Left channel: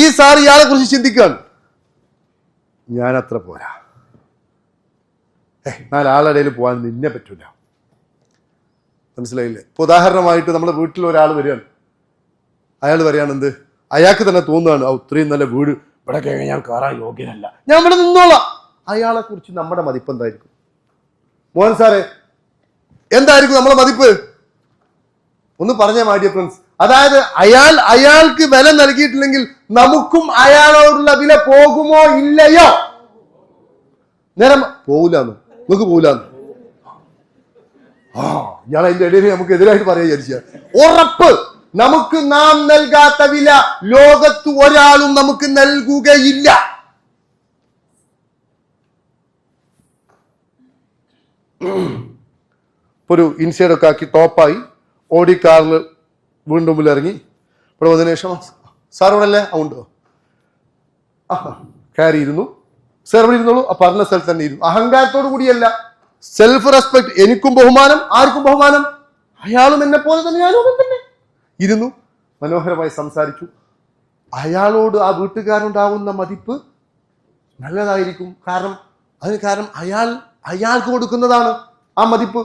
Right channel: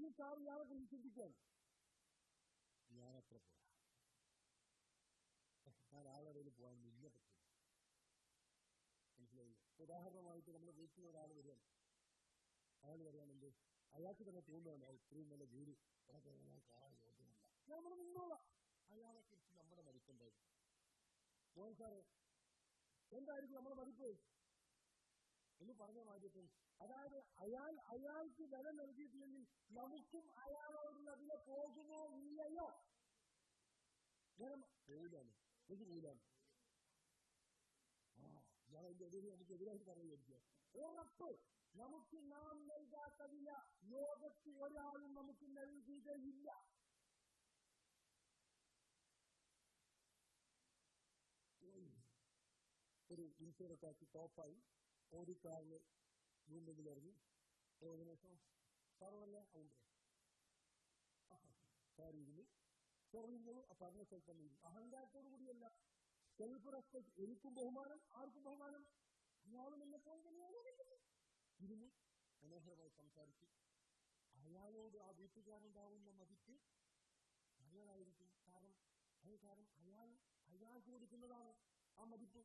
ഈ സാർ ഇയാളെ കുറിച്ച് ചിന്തിക്കുകയാണ്, ഞാൻ അത്ര പോരാ, നാലാളിടയിൽ പോകാൻ നിന്നെ പറ്റൂല. മനസ്സിലായില്ലേ? ഇപ്പൊ ഉദാഹരണമായിട്ട് നമ്മുടെ വീട്ടിൽ ഒരാൾ വരികയാണ്, അയാൾ പറയാണ് എന്ത്, അയാൾക്ക് തന്നെ തോന്നുകയാണ് ഇത്രയും നല്ല വീട് ഇവിടെ ഞാൻ കയറാൻ യോഗ്യനല്ല, ഞാൻ ഇവിടെ നിന്നോളാം. അയാളെ കുറിച്ച് നമ്മുടെ മതിപ്പ് എന്തായിരിക്കും? മോഹൻ സാറേ, എന്തായിരിക്കും നമ്മളെ മതിപ്പ്? ഒന്ന് പറഞ്ഞ മാഡിയ ഫ്രണ്ട്സ്. അതായത് അയാൾക്ക് വില നൽകിയിട്ടില്ലെങ്കിൽ നമുക്കും അയാളോടുള്ള വില പോകുമോ ഇല്ലയോ? നേരം പോകൂലെന്ന്, നമുക്ക് പോകൂലെന്ന്. ഞാൻ അതിന്റെ ഇടയിൽ നമുക്ക് എതിരായിട്ട് പറയാൻ വിചാരിച്ച ഉറപ്പ്, നമുക്ക് നാം നൽകാത്ത വില ലോകത്ത് ഒരാളും നമുക്ക് നൽകുകയില്ല. ഒരു ഇൻസൈഡൊക്കെ ആക്കി ടോപ്പായി ഓടി കാറിൽ വീണ്ടും മുമ്പിൽ ഇറങ്ങി. ഇവിടെ വന്നതിന് ശേഷം സാർ ഇവിടെ അല്ലേ? ഉണ്ടോ? കയറി ഇരുന്നു. സാർ ഇവിടെ ഇരുന്നോളൂ. പറഞ്ഞ സ്ഥലത്ത് തന്നെ ഇരുന്നു. അഹങ്കാരത്തോടു കൂടിയല്ല, സെൽഫ് റെസ്പെക്ട്. എനിക്കും ബഹുമാനം, ആർക്കും ബഹുമാനം. അയാളും എന്നെ പോലെ തന്നെ, ഞാനും തന്നെ ഇരുന്നു. മനോഹരമായി സംസാരിച്ചു. അയാളോട് ആ വീട്ടുകാരുണ്ടാവുന്ന മതിപ്പ് നല്ലതായിരിക്കും. കാരണം അയാൾക്ക് കൊടുക്കുന്നതാണ് ആ മതിപ്പ്.